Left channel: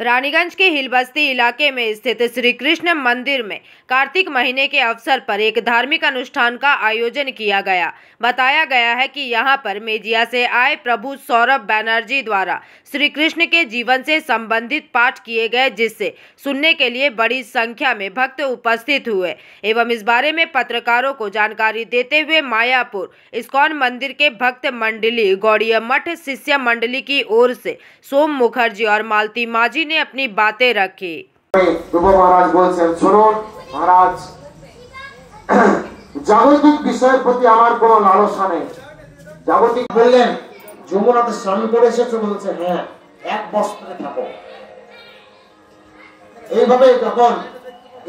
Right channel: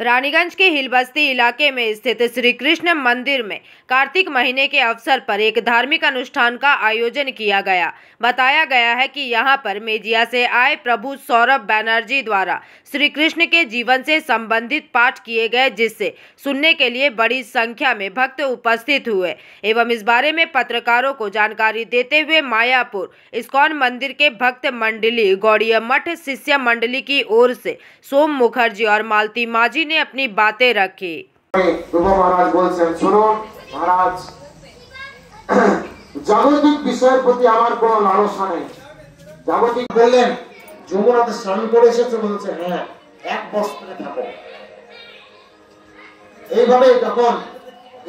रानीगंज के हिलबस्ती इलाके में स्थित श्री कृष्ण मंदिर में कार्तिक महीने के अवसर पर एक धार्मिक अनुष्ठान का आयोजन किया गया। बताया गया है कि यहां पर मेजिया से आए प्रभु सौरभ बैनर्जी द्वारा श्री कृष्ण के जीवन से संबंधित पाठ किए गए, जिससे सुनने के लिए बड़ी संख्या में भक्त उपस्थित हुए। एवं इस बारे में पत्रकारों को जानकारी देते हुए मायापुर इस्कॉन मंदिर के भक्त मंडली गौड़िया मठ शिष्य मंडली की ओर से सोम मुखर्जी और मालती माझी ने अपनी बातें रखी। महाराज बोलছেন, শুনুন महाराज, জাগতিক বিষয়ের প্রতি আমার কোনো লালসা নেই। জাগতিক বললেন যমুনাতে স্নান করে এসেছে, বলছে হ্যাঁ এক বস্ত্রে থাকো। এইভাবে যখন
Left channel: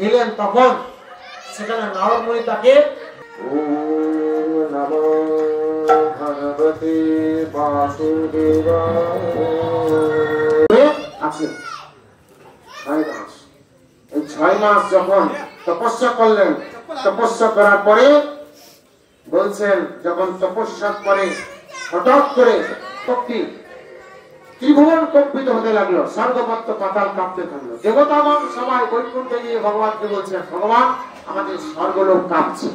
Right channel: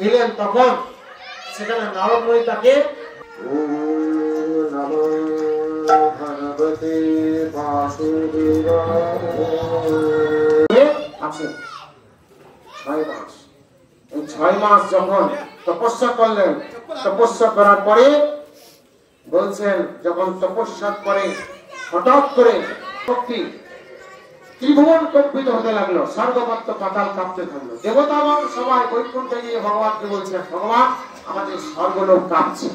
এলেন তখন সেখানে নারদ মুনি তাকে ওম নমো ভগবতে বাসুদেবায় আছে 6 মাস। এই 6 মাস যখন তপস্যা করলেন, তপস্যা করার পরে বলছেন যখন তপস্যা করে হঠাৎ করে শক্তি ত্রিভুবন কম্পিত হতে লাগলো, স্বর্গমত্ত পাতাল কাঁপতে থাকলো। দেবতাগণ সবাই বৈকুণ্ঠে গিয়ে ভগবানকে বলছেন, ভগবান আমাদের স্বর্গলোক কাঁপছে।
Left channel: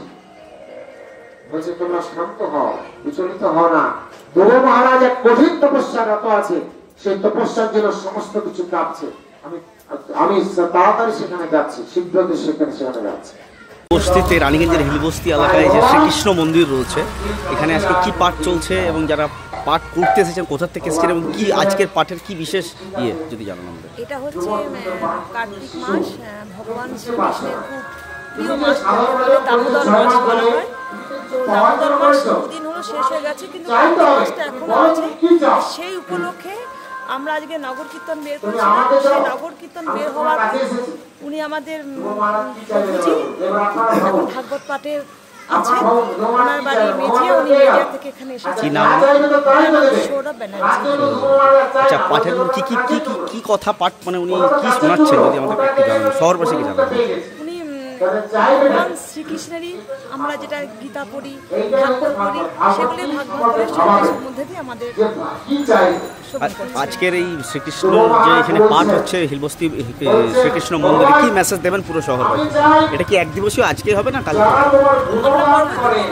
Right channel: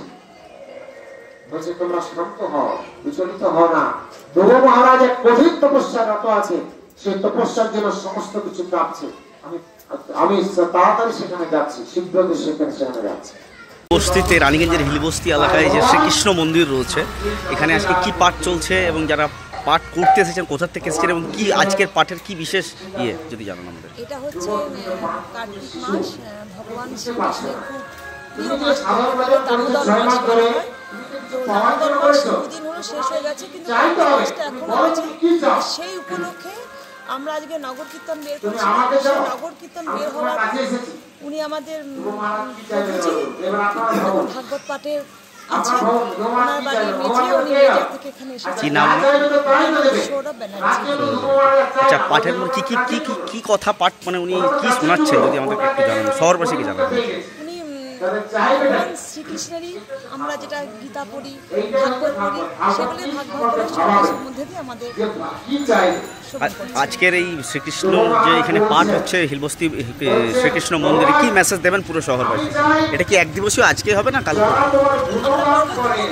বলছে তোমরা শান্ত হও, বিচলিত হও না। ধ্রুব মহারাজ এক কঠিন তপস্যারত আছে, সেই তপস্যার জন্য সমস্ত কিছু কাঁপছে। আমি তাড়াতাড়ি সেখানে যাচ্ছি, শীঘ্রত সেখানে যাচ্ছি। বস্তিতে রানীগঞ্জের হিলবস্তি এলাকায় যে শ্রীকৃষ্ণ মন্দির রয়েছে, এখানে আজকে কি পাঠ চলছে এবং যারা পাঠ করতে এসেছেন কোথা থেকে এসেছেন এবং কি আজকের পাঠের কি বিশেষ যদি জানান আমাদের। এটা হচ্ছে কার্তিক মাস, ভগবান শ্রীকৃষ্ণের খুব প্রিয় মাস, দামোদর মাস বলা হয়। তো দামোদর মাস দুদিন হলো শেষ হয়ে গেছে, কিন্তু কার্তিক মাসটা এখনো আছে। সেই উপলক্ষে আমরা আজকে নগর কীর্তন বের করেছিলাম। সেই নগর কীর্তন বের হওয়ার পর উনি আমাদের প্রভুজি এখন ভাগবত পাঠে আছে, ওনার বাড়ি মেজিয়া, উনি মেজিয়া থেকে এখানে এসেছেন। সৌরভ ব্যানার্জি। আচ্ছা, পাঠের মধ্যে কি কি কি কি কথা পাঠ, মানে উনি কি শোনাচ্ছেন যদি আমাদের একটু জানান, শহরবাসীকে জানান। উনি ভগবান শ্রীকৃষ্ণেরই আমরা যেটা গীতা পড়ি, ভাগবত পড়ি, সেগুলি ভাগবত পড়ে সেগুলির মধ্যে দিয়ে আমাদের। আজকের এই শ্রীকৃষ্ণ যে এখানে পাঠ হচ্ছে হিলবস্তি শ্রীকৃষ্ণ মন্দিরে, কি মেসেজ দেবেন পুরো শহরবাসী? এটা কি এক দিবসীয় আজকে হবে না কালকে?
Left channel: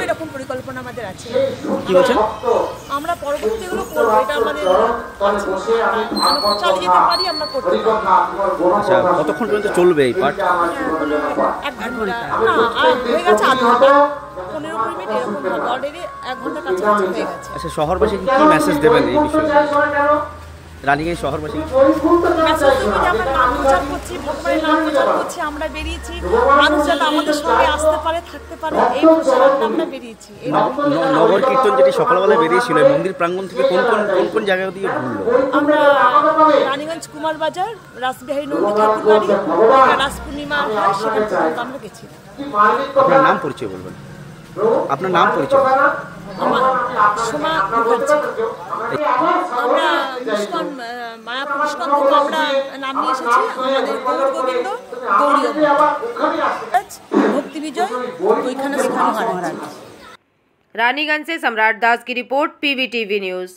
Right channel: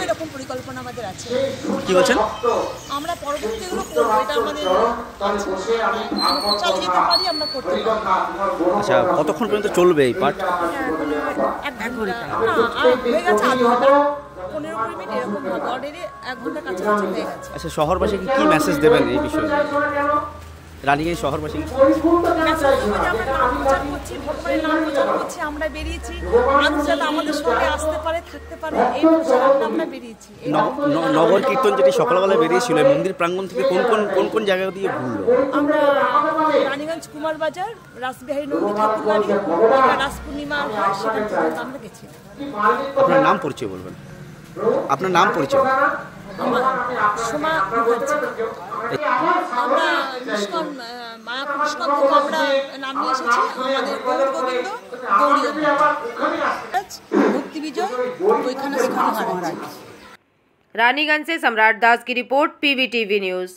এরকম পরিকল্পনা আমাদের আছে। কি বলছেন? আমরা পরবর্তী এগুলো করবো, এটা আমাদের চালিয়ে যেতে পারি, আমরা করতে পারি। আচ্ছা, কতক্ষণ পর্যন্ত চলবে এই পাঠ? 1 ঘন্টা না, আর হয়ে গেছে আধ ঘন্টা, 15 মিনিট এরকম হবে, অলরেডি 1 ঘন্টা কাছাকাছি হয়ে গেছে। আচ্ছা, শহরবাসীকে কি মেসেজ দেবেন এই বিষয়ে? রানীগঞ্জ শহরবাসী মেসেজ দেবো যে আমরা নাম প্রচার করছি, ভগবানের নাম প্রচার করছি, আমরা বেরিয়েছি, মানুষ যাতে আমাদের সঙ্গে আসতে পারে, থাকতে পারে, এই প্রচারটা আমরা বেরিয়েছি। নগর কীর্তন যেটি সকালবেলা বেরিয়েছিল, মন্দির প্রাঙ্গণ থেকে কোন কোন জায়গা দিয়ে ঘুরলো? আমরা রানীগঞ্জ কুমার বাজার, রাসবিহারী নন্দী ঠাকুর বাড়ি, রাস পূর্ণিমা হয়, সেখান থেকে আমরা গেছি। আপনার নাম পরিচয় বলবেন? আপনার নাম পরিচয়? সোমা মুখার্জি। আমরা ইস্কন মায়াপুর ইস্কন থেকে আমরা নাম নিয়ে এসেছি। আমাদের গৌর গোবিন্দ গৌরী ভক্তি বিজয় ওইখানে শেখানো হয়। रानीगंज से सम्राट दास की रिपोर्ट, PVTV न्यूज।